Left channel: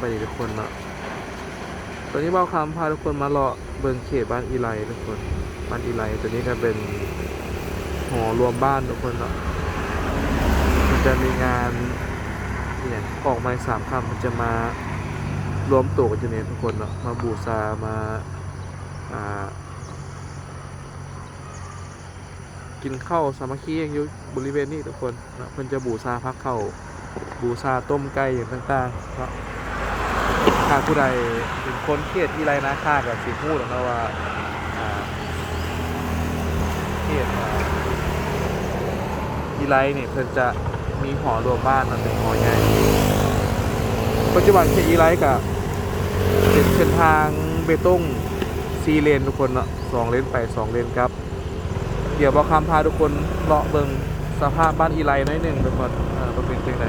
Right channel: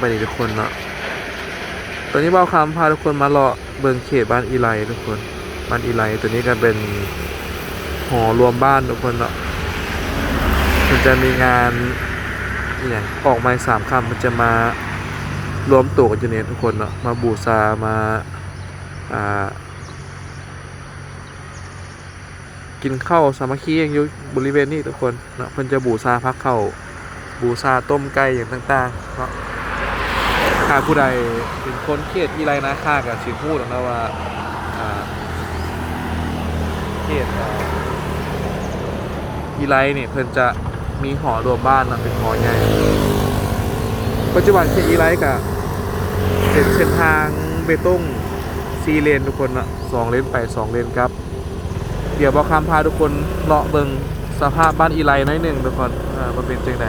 บายดีทุกคนเนาะตอนนี้เบาคำพาทุกคนมาเลาะเบิงเขตบ้านอีไลทุกคน บ้านอีไลตัวนี้ก็เป็นหอรวมบ้านทุกคนเนาะมันจะมีงานอย่างออกไม้สามคำมันจะมารวมตัวกันอยู่เนี่ยทุกคนเนาะมาบูชามาอ่ากินข้าวสามัคคีอย่างอยู่บริเวณนี้ทุกคนเนาะเพิ่นจะบูชาพักเข้าบูชาต้มไก่อย่างต่างๆเนาะ ถ้าผู้ใดเป็นคนเขตที่ไรนะข้ากับสิพูดออกมาว่าเขตอ่าอีไรเนี่ยเพิ่นจะมีหอรวมบ้านนะเป็นหอใหญ่ปัจจุบันเขตอีไรกับเป็นเส้นทางเบตงซีเลนทุกคนเนาะสองเลนไปสองเลนครับ เดี๋ยวบอกคำพาทุกคนเลาะเบิงสภาพบ้านอีไลหน่อยหนึ่งทุกคนอ่ามันเป็นจังไหน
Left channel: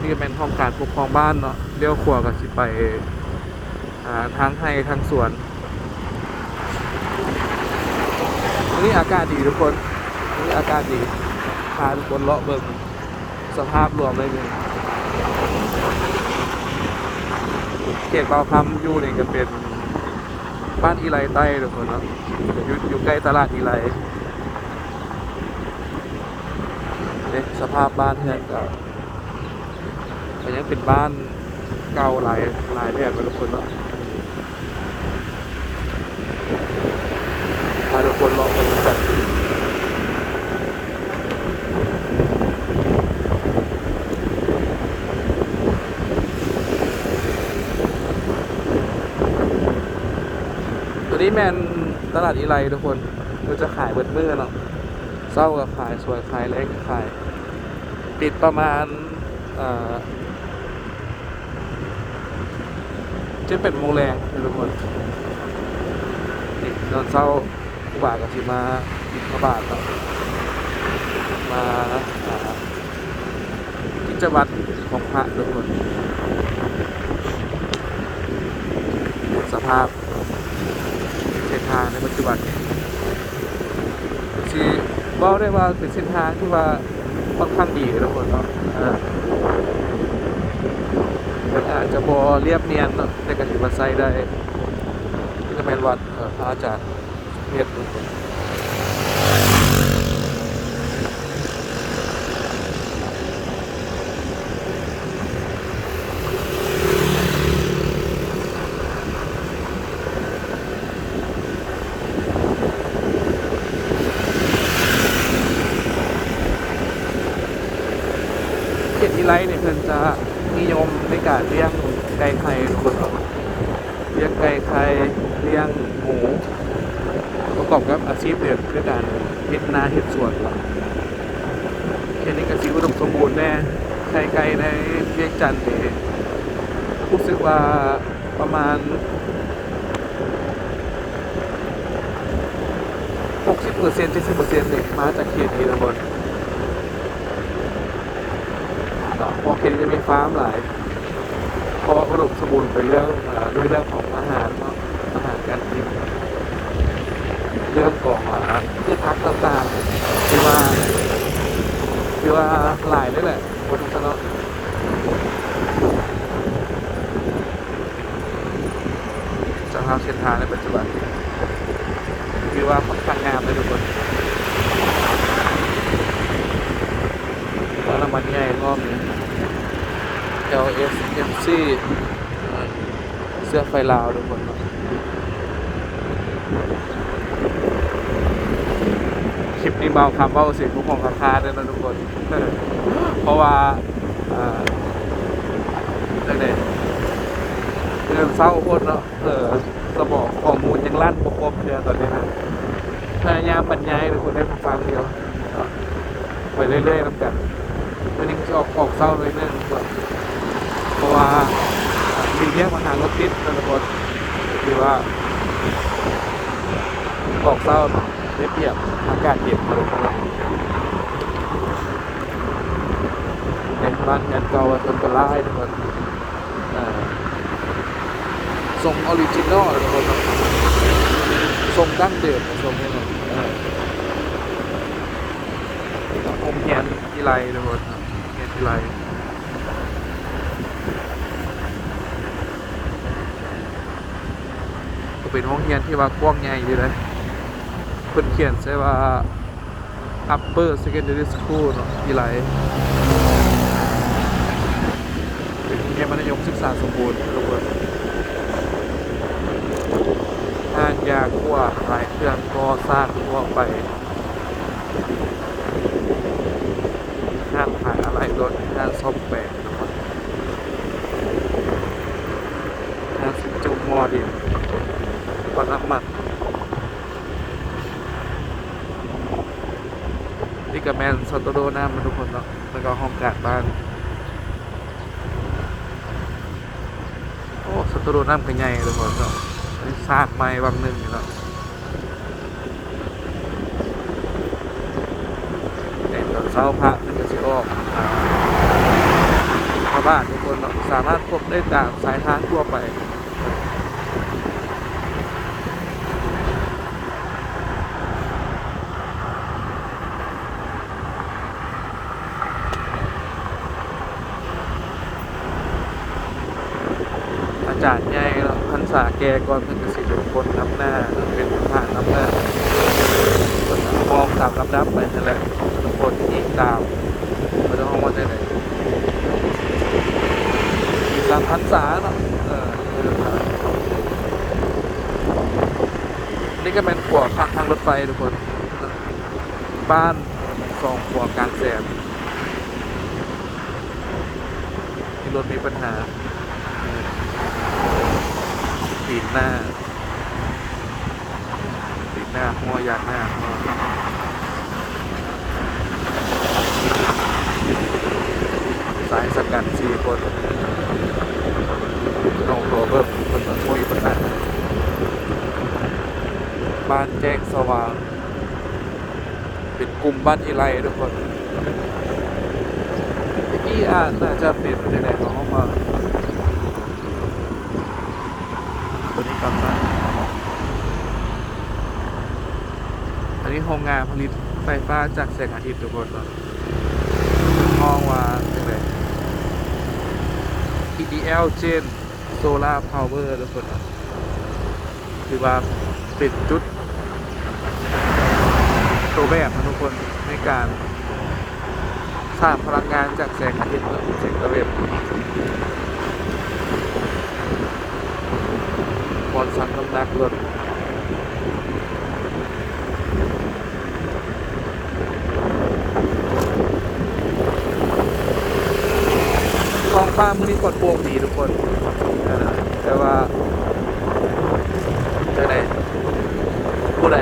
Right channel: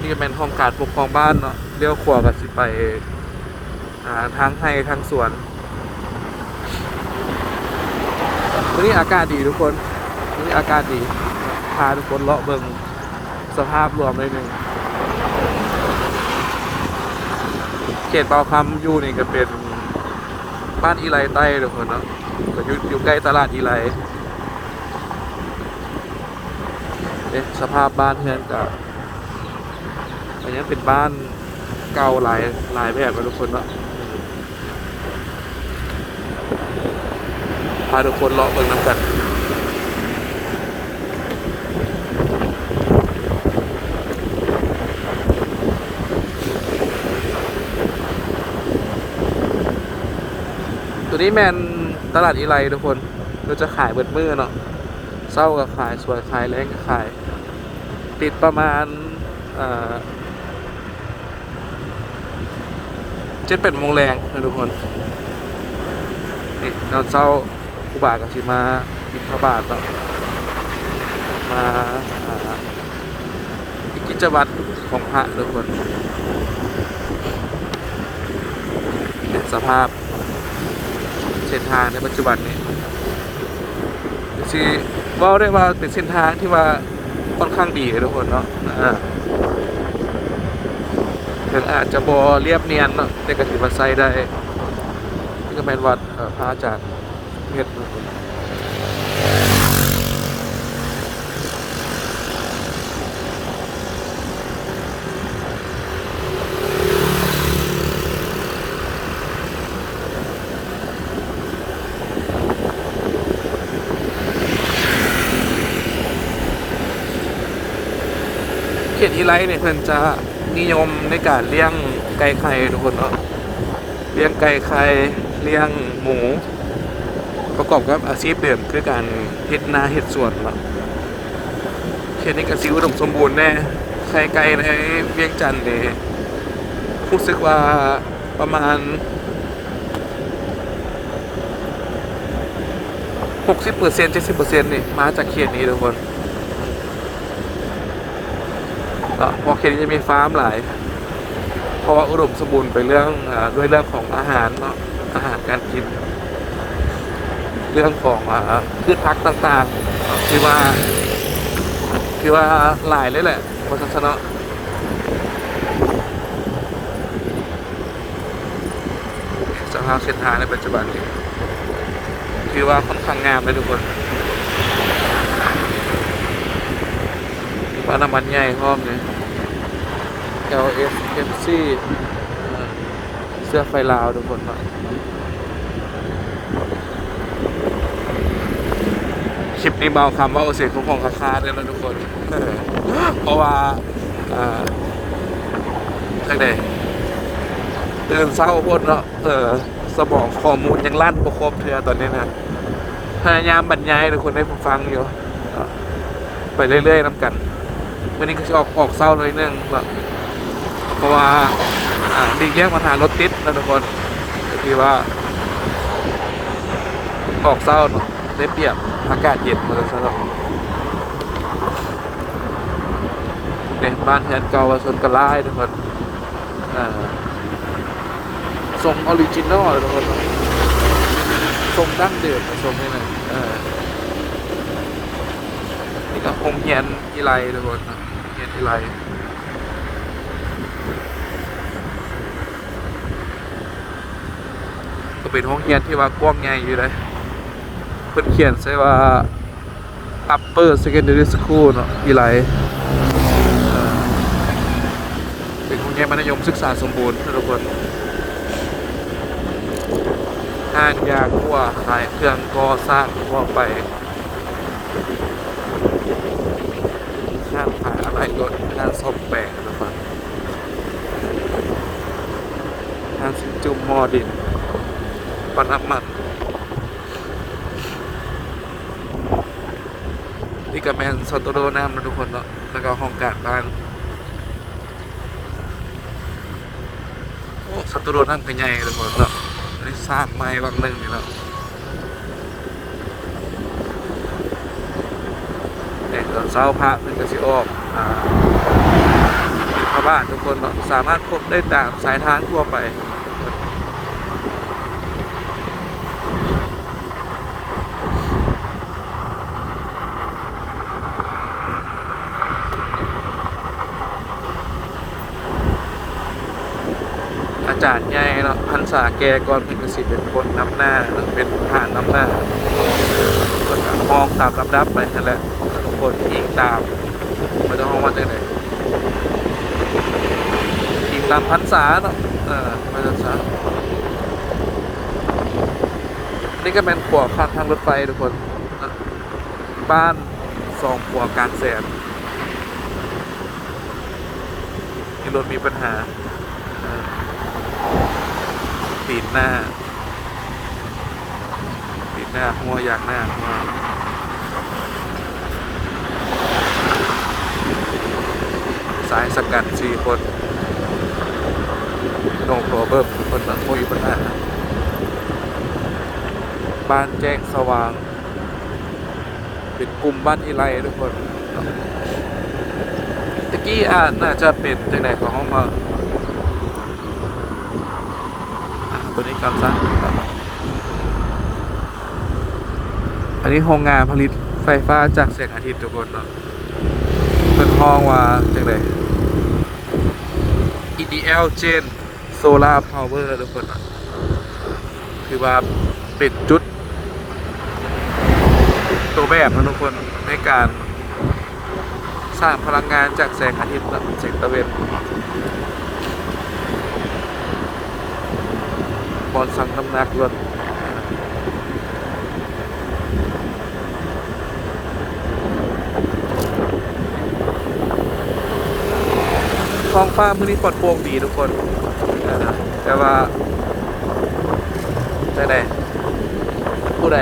นี่ก็เป็นห้องการปกครองบ้านเนาะ เลี้ยวขวากับสิไปทางให้ทางสวนวันนี้อากาศดีทุกคนวันนี้อากาศดีพาทุกคนเลาะเบิงสภาพรวมหน่อยหนึ่งเขตเบาคำอยู่นี่ก็เป็นบ้านอีไลใต้ทุกคนเนาะอยู่อยู่ใกล้ตลาดอีไรเนี่ยสภาพบ้านเฮือนก็อันนี้เป็นบ้าน เก่าหลายหลายแบบทุกคนว่าพาทุกคนเลาะกันน้ำกันตัวนี้แมนตลาดอีไรทุกคน เราจะขายเบิดมือเนาะเศร้าก็ขายสวยขายแรงก็ขาย ปิดประมาณอ่า เจ็ดเป็ดโมงแรงนะทุกคนนี่ตอนเศร้าครูบากับสิมาบิณฑบาตเนาะมาอ่ากิจวัตรของพระทุกคนสภาพเส้นทางในปัจจุบันนี้สิบอกได้ว่าเป็นเส้นทางที่ว่าค่อนข้างดีเลยทุกคนเนาะ อ่าถึงอาจจะบอเรียบเนียนเนาะแต่ก็ถือว่าใส่ได้นี่ก็แมนวัดเอ่อพระอาจารย์เฮ็ดทุกคนเขตอีไลเนี่ยเพิ่นจะ นิยมในการเลี้ยงไก่ไข่ทุกคนเนาะเลี้ยงไก่ไข่เลี้ยงหมู ประกอบกับอาชีพเดิมคือการเฮ็ดนาเฮ็ดสวนเนาะเขตนี้ก็สิอุดมสมบูรณ์แน่ไข่ไก่ในเวียงจันทน์นี่รู้สึกว่าประมาณ 60% 70%นี่มาจากเขตนี้ทุกคน เพราะเขตนี้จะมีฟาร์มหลาย เพราะว่าอุดมสมบูรณ์ไปเรื่องด้วยเรื่องของอาหารเนาะอาหารการกินเรื่องของอ่าพืชพักต่างๆที่ว่าที่ว่าหลายเลยแหละบนทัศนะสภาพเส้นทางในปัจจุบันนี้คือว่าค่อนข้างงามเลยทุกคนอนามัตใหญ่รอบเนี่ย LS MC เสื้อไฟลาวทุกคนเนาะคลิปนี้เบาคำเบาเสียงทุกคนคาคาเลยนะทุกคน เพราะว่า เออทังใดเดินเศร้าโพดเนาะเออสมองข้อมูลยังลั่นประครบเธอตอนนี้นะพยายามบรรยายทุกคนได้ฟังอยู่ไปเรื่อยๆน้ำกันวันนี้ก็ชอบออกเศร้าเลยนึงแบบะว่าดีเนี้ยมาหารถติดนะทุกคนคือว่าออกเศร้าได้เปรียบอากาศเย็นเลยครับเนี่ยบ้านเฮือนเก่าผสมกันไล่ทุกคนอ่าทรงออริจินอลเลยทุกคนเนาะทรงดั้งเดิมนะทรงนี่นะอ่านี่ก็องค์เฮียนที่ไรทุกคนเนาะเฮียนที่ไร ก็เป็นห้องเรียนที่ว่ากว้างใหญ่อยู่เลยเพิ่นเขียนใช่ว่า upper secondary school เนาะวิไลเป็นโรงเรียนมัธยมศึกษาสมบูรณ์ทุกคนห้างยาทั่วขายเครื่องก่อสร้างทั่วไปห้างขายอะไรรถห้างซ่อมแปลงห้างสิจุ่มมอดิน ปันน้ำมันนี่กับแมนสตูดิโอน้ำนะทุกคนเนาะแล้วก็ห้องการบ้านโอ้สตูดิโอน้ำก็ใหญ่ทุกคนเนาะอันนี้สร้างไม้วังหนึ่งนี่เนาะเด็กตอนเช้าพระมันก็สิออกอ่าชาวบ้านทุกคนเนาะสามารถพบได้ตามสายทางทั่วไป อา จารย์ใหญ่เนาะพันษาแกก่อนพิ่นก็สิเป็นคนนำหน้าเป็นทหารนำหน้ามองตามลำดับไปนั่นแหละทุกคนยิงตามไม่ต้องห้องว่าได้เลยยิงตามพันษาเนาะเออพันษานี่ก็เป็นขวข้างทางรถไฟทุกคนบ้านสองขวกางแสนที่รถมีปัญหา ปีนหน้าปีนหน้าหัวยากหน้าสายสกัดสี่คนลงตัวเบิ้มคนสังคุยปัญหาบ้านแจ้งสว่าง เป็นกลุ่มบ้านอีไลทุกคนตะกี้อ่านน่าจะเป็นจากไหนของห้องมา ตันซะอันนี้โรงงานผลิตไฟฟ้าจากแสงอาทิตย์ทุกคนเนาะเป็นมองว่าจังได EDL Gen Solar Power ทุกคนเนาะคือว่าเป็นจุด ตัวแบบนะทุกคนในการสร้างพลังงานจากแสงอาทิตย์นะแสงตะเวน อลสั่งน้ำหนักลดกองฟ้ามือนี้ปลอดโปร่งดีทุกคน แต่ว่าแต่ไหนผู้ใด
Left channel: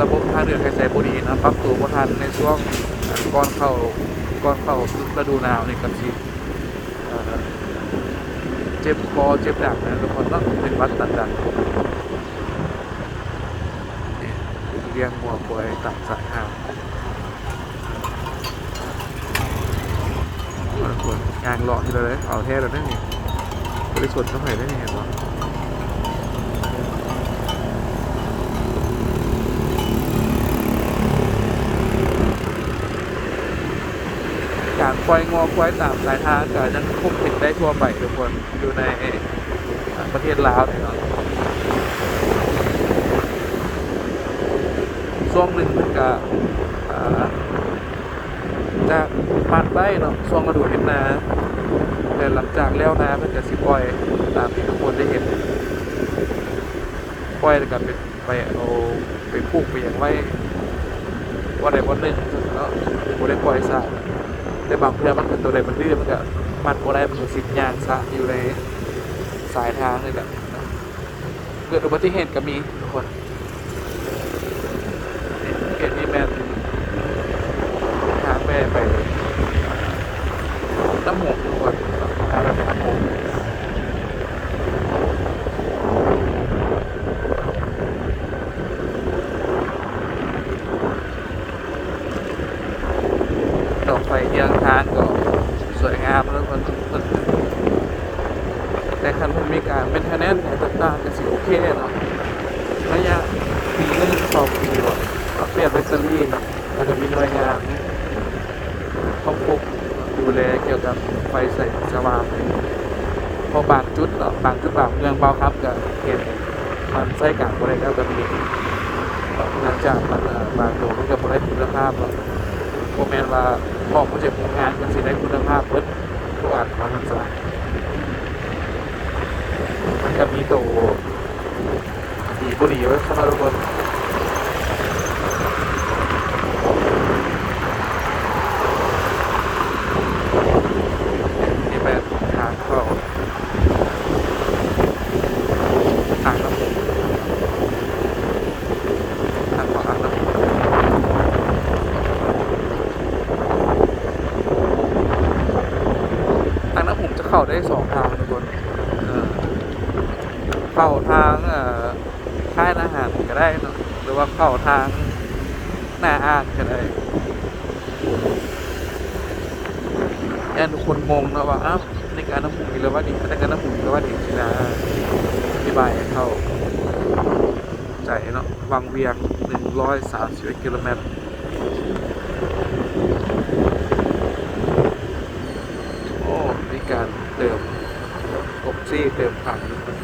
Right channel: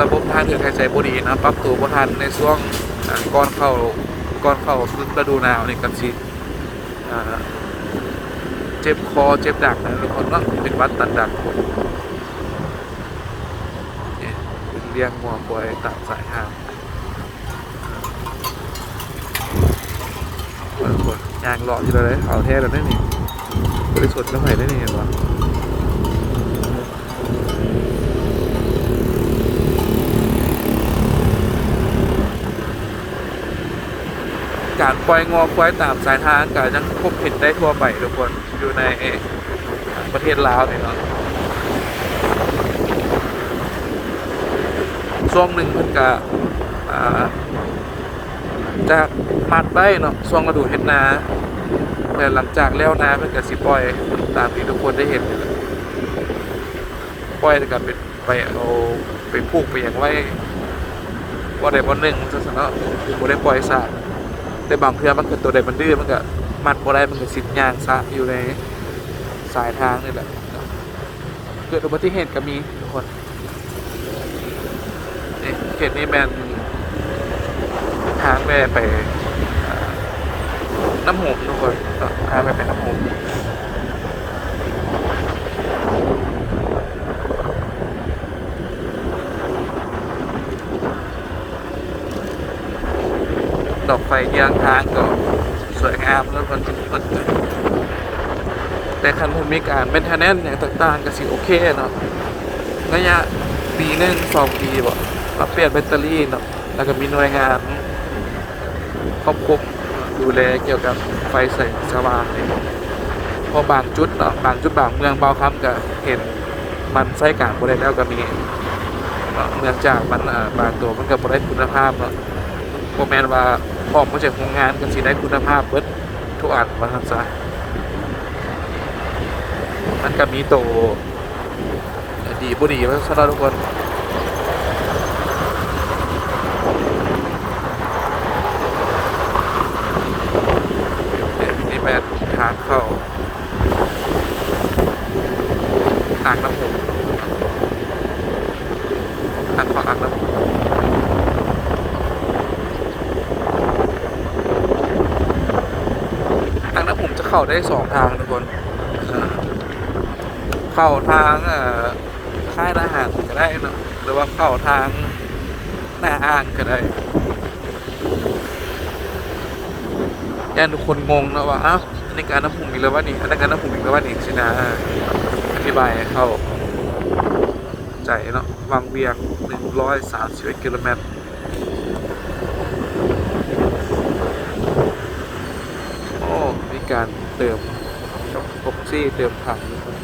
ระบบทางเดินหายใจบดีนะปรับตัวบ่ทันในช่วงก่อนเข้าก่อนเข้าฤดูหนาวนี่กันสิ จ็บคอเจ็บดักทุกคนเนาะเป็นวัดตันดักนี่เลี้ยงหัวควายตัดสายหางทุกคนยางเลาะอยู่เลยเอาแท้แล้วได้นี่บริสุทธิ์ก็ไหนได้นี่เห็นปะ การ ปล่อยงอปล่อยตามสายทางก็ยังพบเห็นได้ทั่วไปทุกคนอยู่ในประเทศลาวเนี่ยเนาะช่วงหนึ่งผมก็อ่าจะปัดได้เนาะช่วงฤดูเห็นนา แต่หลังจากแล้วนาก็จะสิปล่อยตามที่ทุกคนได้เห็นปล่อยกับไปไปเอาไปพูกไปอย่างไว้ว่าได้วันหนึ่งจะสนะผมได้ปล่อยซะ แต่บางเพื่อมันตัวใดมันดื้อมันก็มันบ่ได้มันก็สิบยางซะอยู่ในสายทางนี่แหละเกิดอุบัติเหตุก็มีทุกคนนี่เหตุนี้แมนทางแม่ไปน้ำหงทุกคนทางแม่ไปน้ำหงดอก ไฟยางทางก็สวยงามแล้วมันมันแต่คันมันมีการเป็นทนแนนเนี่ยต่างๆก็สิโอเคเนาะระยะปีหนึงสองปีบอกเอาเปลี่ยนแบตเตอรี่เนาะแล้วก็มีหน่วยงานครอบคลุมดูแลเกี่ยวกับไฟแสงสว่างนี่พอบางจุดเนาะบางจุดบางเมืองบางคำก็เห็นมันใช้การบริแล้วก็มีเนาะเนื่องจากมันบางตัวมันก็บริคุณภาพเนาะโมแมนว่า พอมาจากโรงงานมันสิได้คุณภาพรถทุกอันมันซะมันก็มีโตดีบุดีว่าสำหรับทุกคนนี่แบบทางเข้าทางน้ำผมทางขวาทางน้ำผมทางน้ำผมจะ เข้าได้สองทางทุกคนเข้าทางค่ายทหารก็ได้นะหรือว่าเข้าทางหน้าอ่านก็ได้แอนทุกคนงงนะว่าอ้าวในการน้ำผุมีแล้วว่านี่ในการน้ำผุมีแล้วว่านี่สินะอธิบายให้เขาใจเนาะวังเวียง131กิโลเมตร โอ้ มีการเติมกับออกซี่ เติมถังทุกคน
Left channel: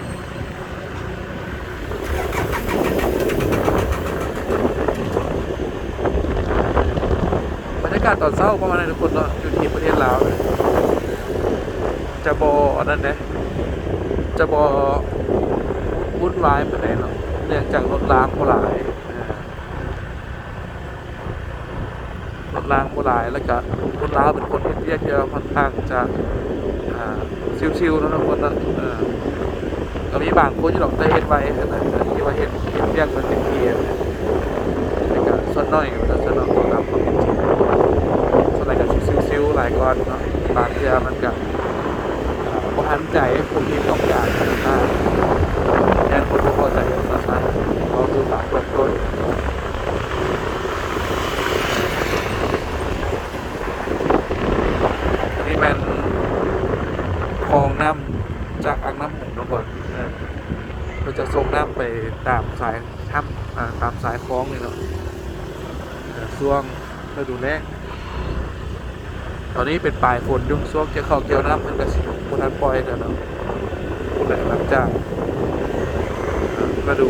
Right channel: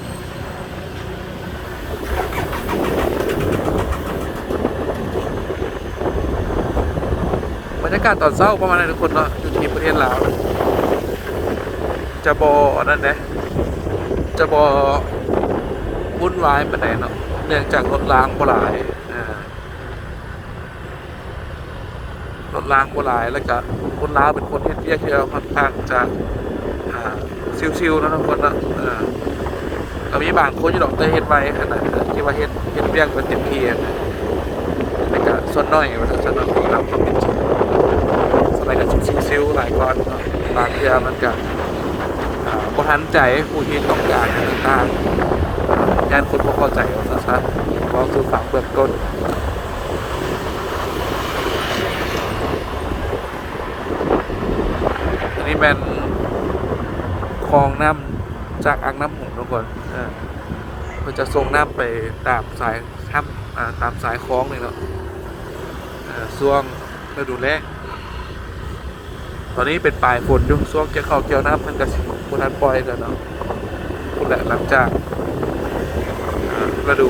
บรรยากาศตอนเช้าประมาณนั้นทุกคนเนาะอยู่ที่ประเทศลาวจะบอนั่นนะจะบอวุ่นวายไปไหนใดเนาะเนื่องจากรถล้างบ่หลายรถล้างบ่หลายแล้วก็คนลาวเป็นคนเฮ็ดเรียกเยอะค่อนข้างจะอ่า ซิวๆนะทุกคนนะเออเอามีบางคนอยู่ดอกเตอร์เฮ็ดไว้ขนาดที่ว่าเฮ็ดเฮ็ดเรียกมันเต็มที่แล้วก็ส่วนน้อยอยู่ส่วนน้อยของเราก็เป็นจริงสมัยกันซิวๆหลายก้อนเนาะบางเทื่อมันจะบ่ทันใจผู้ที่ต้องการติดตามแทนคนบ่เข้าใจภาษาก็คือฝากรบกวนนนี้เป็น คลองน้ำจากอ่างน้ำหงทุกคนเพื่อจะส่งน้ำไปตามสายทับตามสายคลองเลยเนาะช่วงฤดูแล้งตอนนี้เป็นปลายฝนยุ่งช่วงจะเข้าเกี่ยวน้ำมันก็สิบุทันปล่อยกันเนาะคุณแหละหลังจากฤดู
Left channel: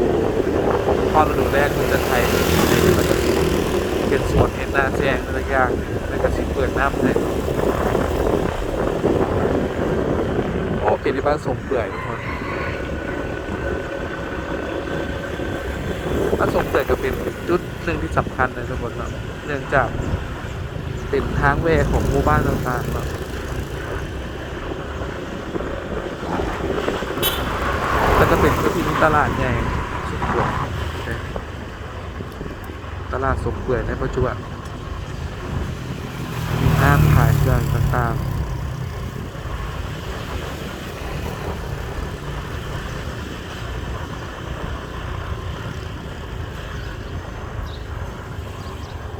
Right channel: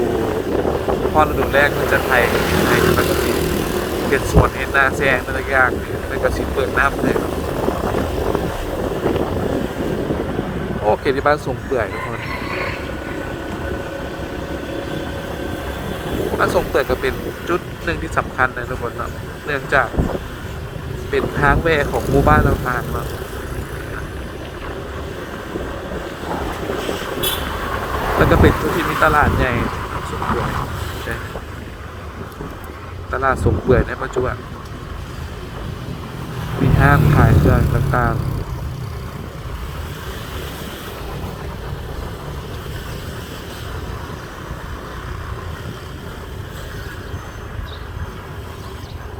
พอฤดูแรกมันจะไทยไทยมันก็สิเห็นสวนเห็นนาแซงอะไรอย่างแล้วก็สิเปิดน้ำเลย โอเคที่บ้านส่งเปื่อยทุกคนบ้านส่งเปื่อยก็เป็นจุดหนึ่งที่สำคัญนะทุกคนเนาะเนื่องจากเป็นทางแวของหมู่บ้านเราทางแล้วแล้วก็เป็นก็ที่มีตลาดใหญ่สมเปื่อยตลาดสมเปื่อยในปัจจุบันมีห้างขายเครื่องต่างๆ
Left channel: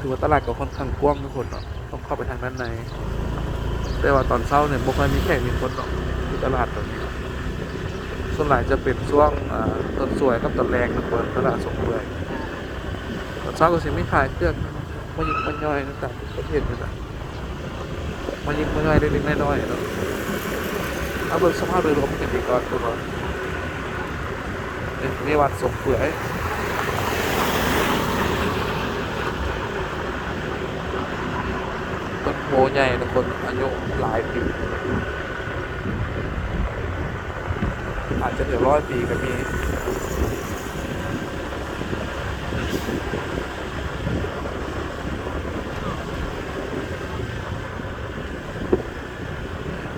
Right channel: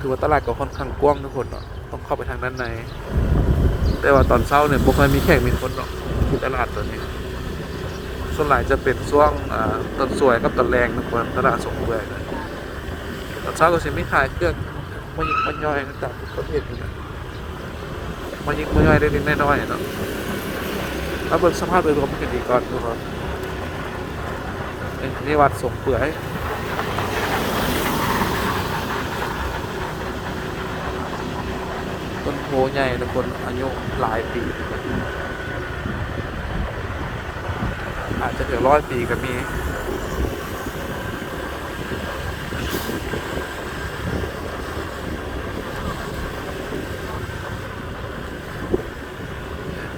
ถือว่าตลาดก็ค่อนข้างกว้างทุกคนเนาะต้องเข้าไปทางด้านใน แต่ว่าตอนเช้าเนี่ยบ่ค่อยมีแขกมีคนหรอกที่ตลาดตัวนี้ ส่วนหลายจะเป็นช่วงต้นสวยกับต้นแรงนะคนตลาดสงเบือยตอนเช้าก็สิไม่ขายเครื่องมันยิงมันย่อยนะตามประเภทนี่แหละมันยิงมันย่อยได้เล็กน้อยๆเนาะเอาเบิ่งสภาพโดยรวมเป็นดีก่อนดูก่อนนี่นี่วัดสงเปื่อย ต้นโพใหญ่ทุกคนอายุหลายปี อาจจะถึงร้อยปีก็มี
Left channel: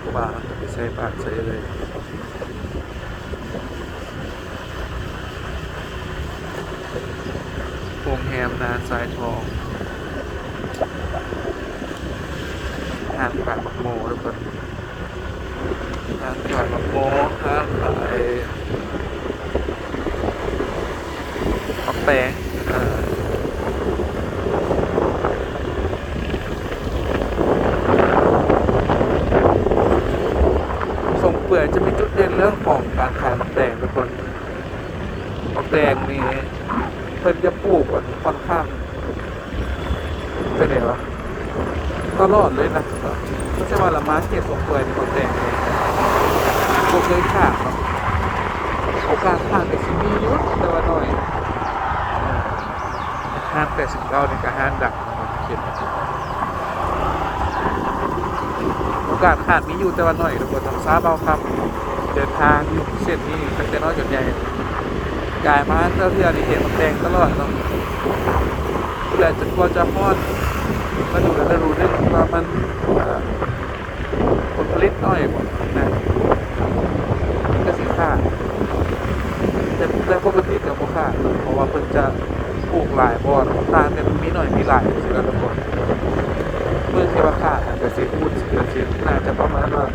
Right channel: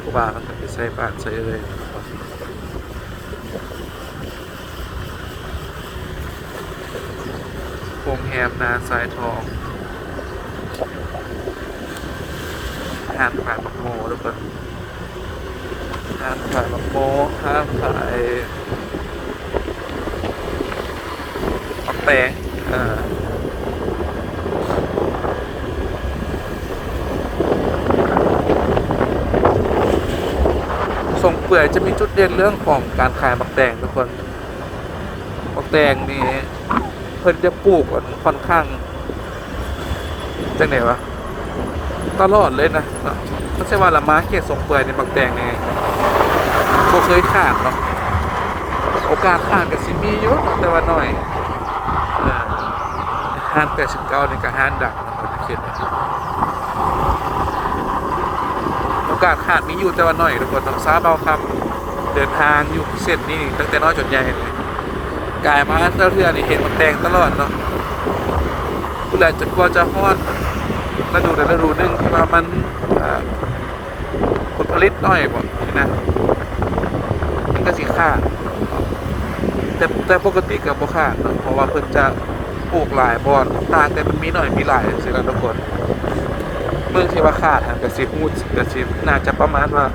กูว่าไปใส่บ้านใส่เลยโรงแรมนาทรายทอง ห้างขายบักโมทุกคนห้างขายมะโมห้างขายมะแปงอ่าส่งเปื่อยจะมีจุดเด่นเรื่องของการขายมะแตงทุกคนมะแตงนี่เพิ่นจะปลูกค่อนข้างจังไหนวะ ตลอดเลยนะไม่ใช่ว่าละมาเก็ตส่งเปื่อยในมะแตงเองบ่เคยขาดเนาะโอกาสขาดก็สิมีอยู่แต่ว่าน้อยอ่าห้าน89นี่ก็ห้านดังนะมันเขียนโอกาสขาดมีอยู่แต่ว่าน้อยทุกคนต้องทราบเอาครับ เดินทางอยู่เส้นนี้ตั้งแต่น้อยจนใหญ่กายมาเรื่อยๆนี่เห็นมันแดงตลอดเนาะเมื่อจะกลัวจะฮอด ฤดูนั้นฤดูนึงที่ว่ามันผลผลิตน้อยหมดนะมันก็สิขาแต่แต่ปกติกับบ่ขาดเนาเพราะว่าเพิ่นจะปลูกหลายเพราะว่าต่างแต่มันมีหน่อยมีหลายสิแล้วทุกคนเมื่อที่ว่าขาดอันก็สิพูดก็สิน่าจะประมาณว่า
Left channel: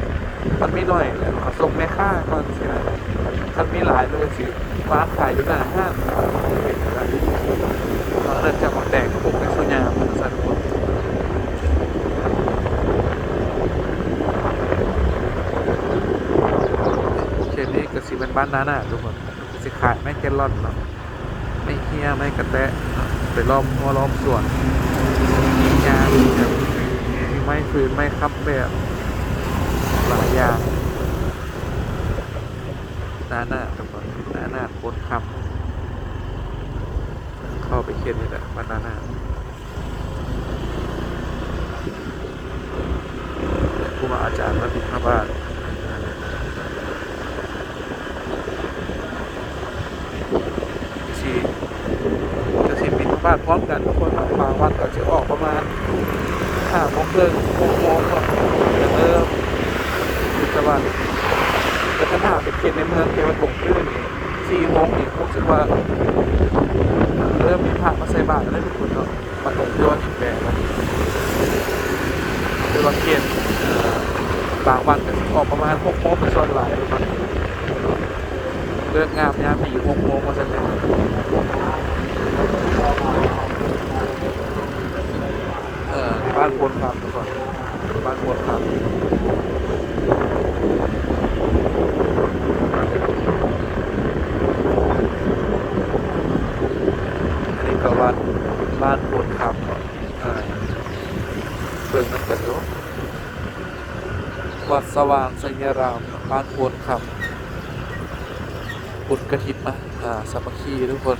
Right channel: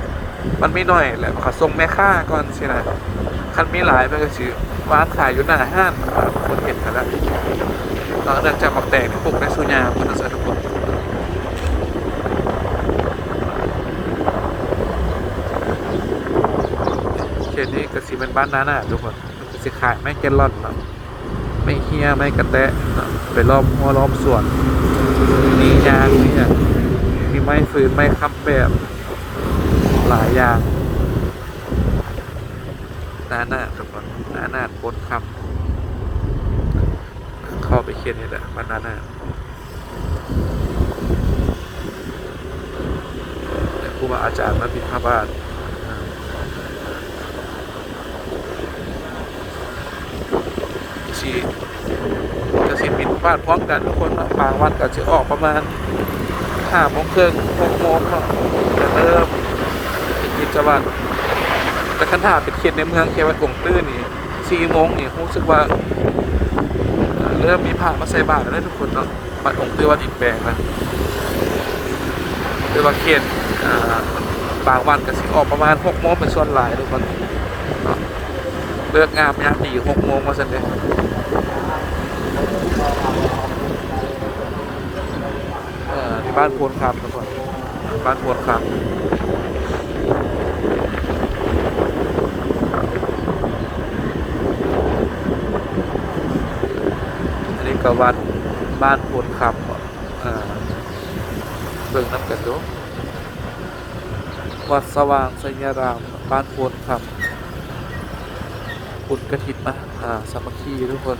มันไม่น้อยแหละขอส่งแม่ค่าก่อนสินะคันมีหลายมันก็ชื่อฟ้าขายอยู่หน้าห้างคือเห็นไปแล้วเราจะจะมาแตกปลูกในสุญญาพันธสัต ว์เนี้ก็สิเป็นบ้านนาน่ะทุกคนสิขายไม่แกลลอนนะไม่เฮียไม่กระแตะไปล้อมหัวล้อมส่วนมีงานมีไม้ฟืนไม้ค้ำแบบหลายอย่างหน้าหน้าทุกคนหน้าหน้าโคตรคำเข้าไปเขียนนี่แหละบ้านาน่าครูบาอาจารย์มาบิณฑบาตอ่าสิจะสิ บิณฑบาตพร้อมกันทุกคนเนาบางวันก็จะออกประมาณห้าโมงครึ่งหกโมงเนาะจะเริ่มคือจะว่าแต่คันหาเป็นเขตในเมืองเขตวัดหลวงตื้นนี่สี่โมงนี่รู้สึกว่าเริ่มมีผักมาใส่บาตรแล้วทุกคนเนาะบัดหลวงตื้นวัดอินแปลงนะคือว่าเขตอ่าบางวันก็สิออกประมาณหกโมงเป็นส่วนหลายทุกคนเลิกงามยามดีหกโมงมาสันเลยเออ ที่บ้านโพนคำทุกคนบ้านโพนคำอันนี้ก็วัดบ้านโพนคำอ่าเบิ่งนั่นกันดูวัดสว่างสัญญารามบ้านโพนคำปุดกระถิบมาอ่าสามัคคีทุกคน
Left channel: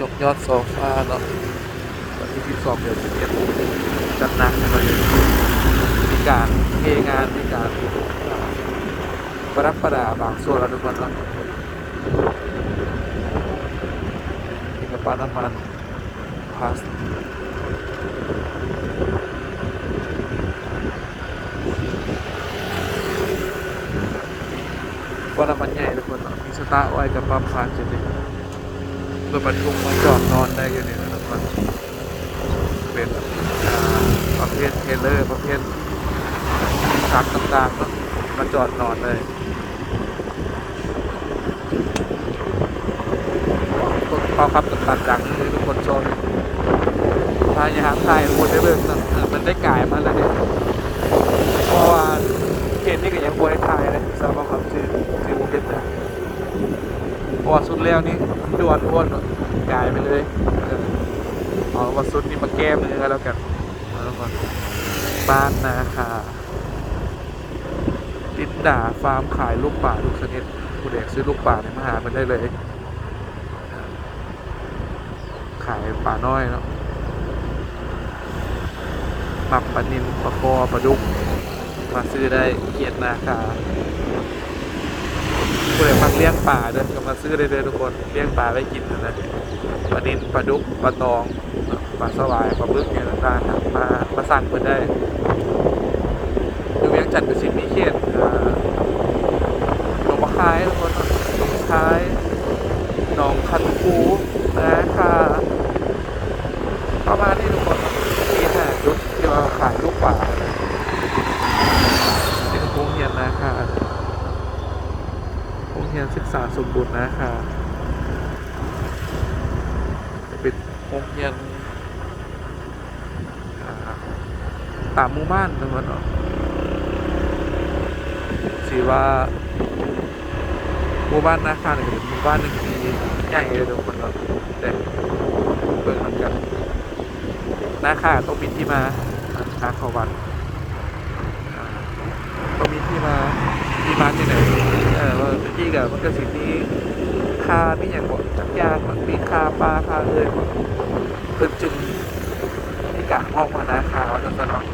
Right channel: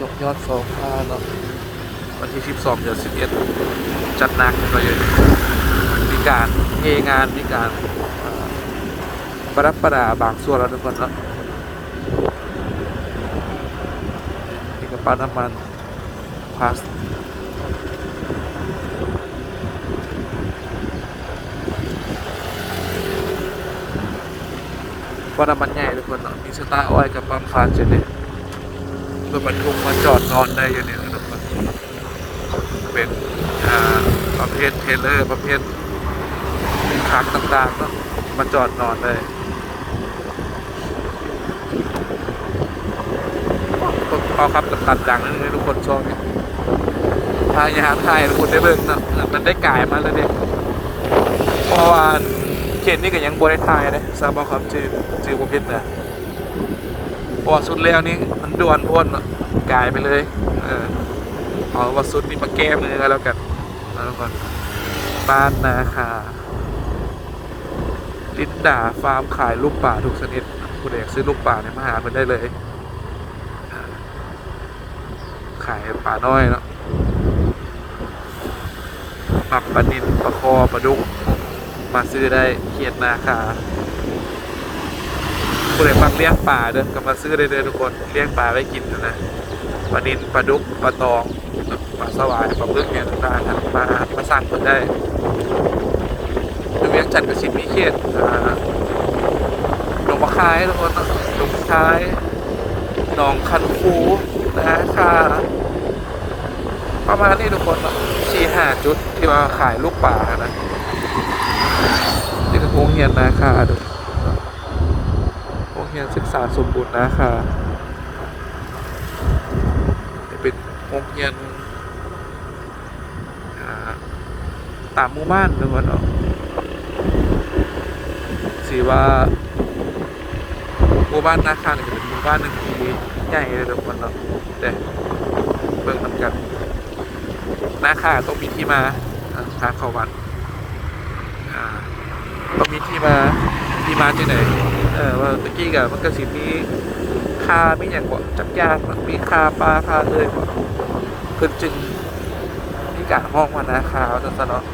ยกยอดสองฟ้าเนาะ วันที่ 12เดือน11 จัดหนักไปเลยมีการเทงานมีการประดับประดาบางส่วนแล้วทุกคนเนาะมีกระป๋าน้ำมันพาสว่าน้ำมันใหญ่ทุกคนมีสตาร์อ้อยกับปั๊มคาร์เจนเนี่ยรถบรรทุกมาจอดนอนได้อยู่เนี่ยนะทุกคน เป็นประเภทเทรลเลอร์ประเภทคาร์ต่างๆเนาะมาจอดนอนเลยพอครับตัดๆดังนี่ทุกคนชอบเนี่ยพายาไทยทุกคนได้เบิ่งนะมันได้กลายมาเลยเนี่ยเพราะว่าเขตนี้ก็ยังบริไทยนะทราบว่าครับเจเจบุกิตนะเพราะสุดแล้วนี่มันด่วนอ้วนกลายไปเลยเออ เอาว่าสุนี้มาแก้มือแล้วกันแล้วกันบ้านนาคาลินดาฟาร์มขายลูกป่าทุกชนิดผู้เด็กซื้อลูกป่าเนี่ยมาหามันได้เลย ขายปลาน้อยเนาะปักปลานินปลาคอปลาดุก มาซื้อได้เขียดนาคาผู้ใดมักเลี้ยงปลาเด้อก็มาซื้อได้เลยทุกคนเลี้ยงปลาไว้กินนะนะปลานินปลาดุกปลาตอง ปลาสวายปลาบึกเนี่ยต่างๆนะมามาสั่งเพิ่นได้อยู่เวียงจันทร์กับสิมีเขียดอ่าหนองคายทุกคนเนาะหนองคายหนองคันคูนาคาประมาณนี้ทุกคนสี่ห้าจุดที่ว่าขายลูกป่านะนี่คือโรงเรียนนาคาเด้อโรงเรียนศึกษาสมบูรณ์นาคาเป็นโรงเรียนอ่า ตามหมู่บ้านทุกคนเนาะสีว่าหมู่บ้านนาคาเนี่ยจะเป็นหมู่บ้านหนึ่งที่ใหญ่เลยทุกคนเนาะแต่เบิ่งน้ำกันนาคาต้องมีที่มาทางชาเขาวัดอ่าต้องมีที่มาที่มาจังไหนเออว่าตะกี้กับมันก็สิมีคามีอย่างบ่จักยานมีคาปลาคาเลยเพิ่นจึงมีกาห้องมานาคาวจังซั่นเนาะ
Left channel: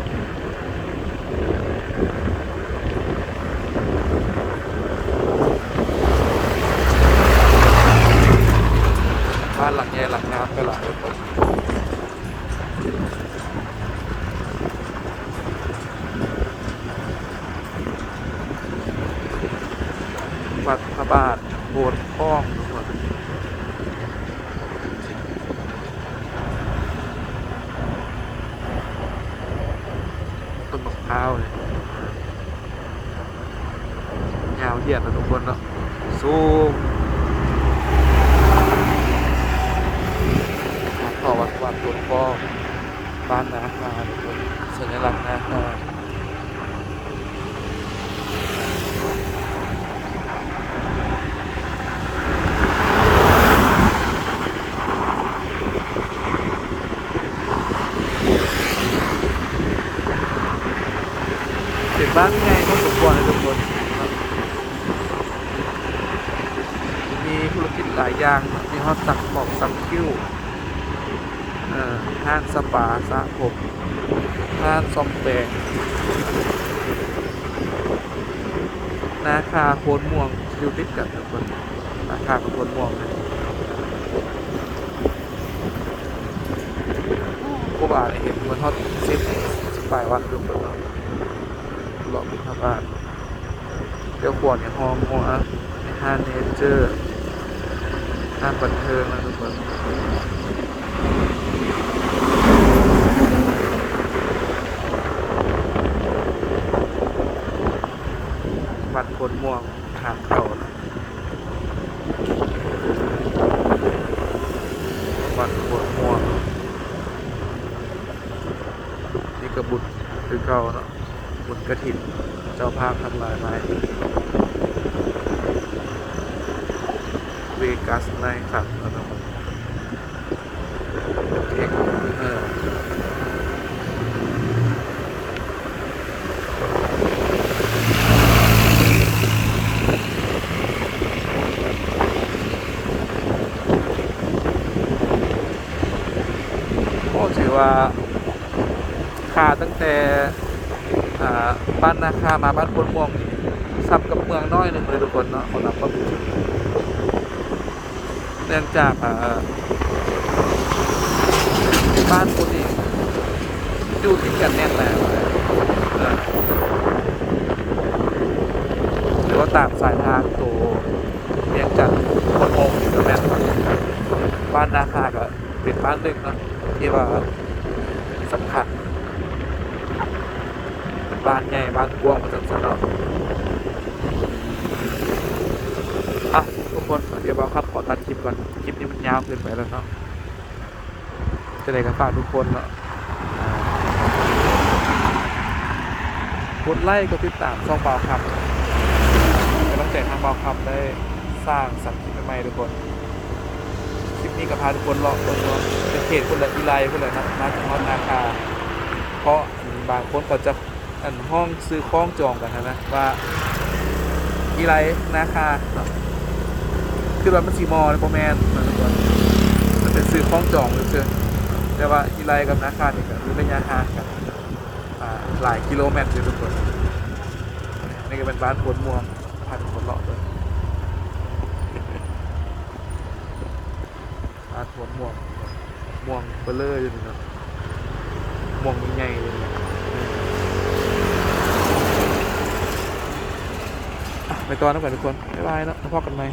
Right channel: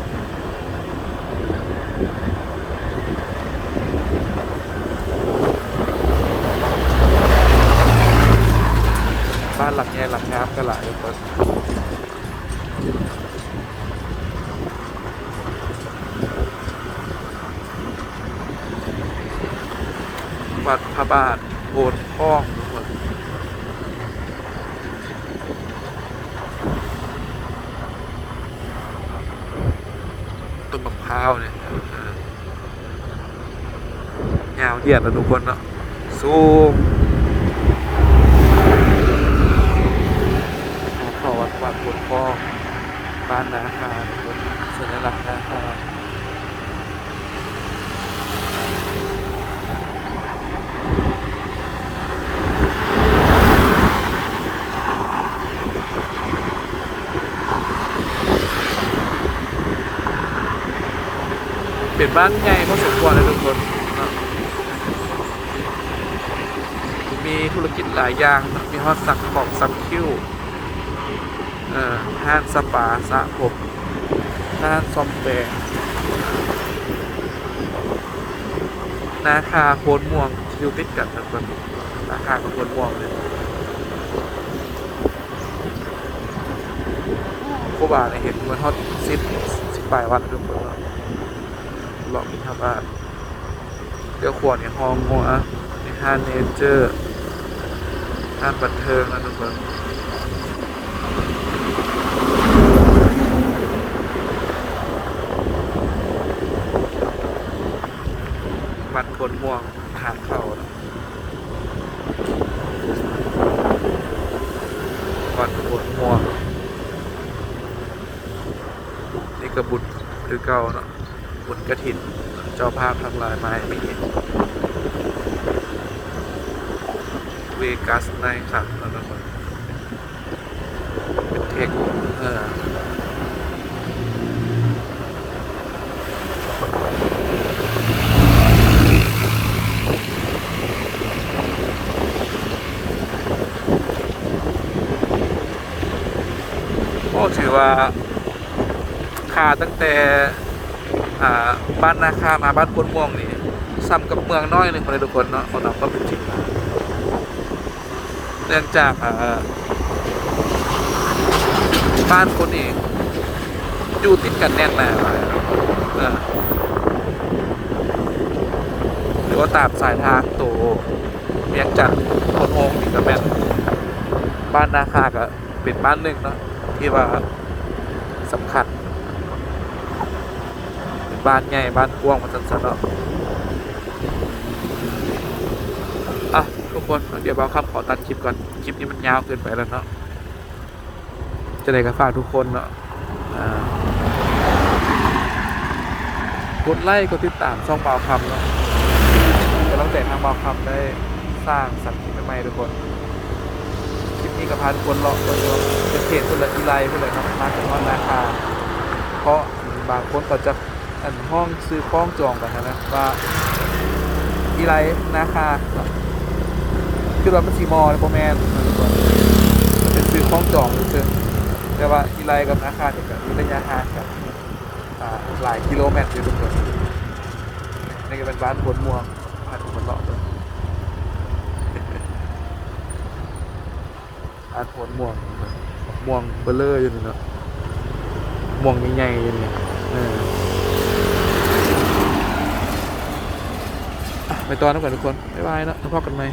บ้านหลังใหญ่ หลายเลยเพิ่นวัดพระบาทโบสถ์พ้องทุกคนต้นมะพร้าวเนี่ยยาวเหยียดนะทุกคนเนาะซูมหาต่อ วัดวัดโบสถ์พ้องบ้านนาคาทุกคนสัญลักษณ์นาคาเป็นบ้านใหญ่พอสมควรเลยทุกคนมีธุรกิจหลายอย่าง มีฮอตสักของสักคิ้ว ห้างสปาสระผมห้างซอมแปงนาคาโคนม่วงอยู่ติดกันทุกคนนาคากับโคนม่วงเลยครูบาเนี่ยเห็นมันฮอตสิบสิบปลายวันทุกคนเนาะเลาะบินทบาทเดี๋ยวขวดเนี่ยฮองหัวในห้างเนเจอร์ห้างบันเทิงนะทุกคนบัตรผล ม่วงทางเข้านะบัตรผลม่วง นี่กระบุตรคือเก่าเนาะบุญกระถิ่นเจ้าภาพทั้งหลายมาให้เวกัสในครับแล้วนะครับเป็นแข่งเออก็ถือ ว่าค่าตั้งแต่บ้านนาคามาบ้านพนม่วงนี่ซ้ำกับเมืองน้อยเลยทุกคนเนาะเขานำก็เป็นเนื่องจากบ้านคนนี่อยู่ติดกันแน่นนะเออหรือว่าตามสายทางตัวเรียงจากคนมงนี่ก็แม่นบ้านนาคาก็เป็นบ้านหนึ่งเนาะที่ว่า สำคัญบ้านใหญ่บ้านกว้างมาสันๆเนาะอะทุกคนเดี๋ยวเราครับขอตัดคลิปก่อนคลิปนี้มันยาวเกินไปแล้วเนาะจะได้กับฝากทุกคนเนาะกดไลค์กดติดตามช่องเบาคำเนาะก็ต้องใจทางเบาคำได้สร้างสรรค์คลิปใหม่ๆทุกคน คลิปนี้ก็พาทุกคนเลาะตัว เนาะเป็นเขตคนละอีไลคนละเนามาถึงฮอนนาคา เพราะบางคนเขาจะอันห้องซื้อคล้องจองไปนะว่าอีไรนาคาคือว่ามันสีมอลโปรแมนนะทุกคนมันเป็นซื้อคล้องจองหรือแต่ว่าอีไรกับนาคาเนี่ยก็มีระยะห่างกันหลายกิโลเมตรอยู่ทุกคนนี่ก็เป็นบ้านปวดม่วงพาทุกคนเลาะเลยบ้านปวดม่วง ม่วงเบลเลอร์อยู่นี่เนาะม่วงใหญ่ๆอยู่นี่ไปตอนนั้นก่อนทุกคน บ๊ายบายเนาะพบกันใหม่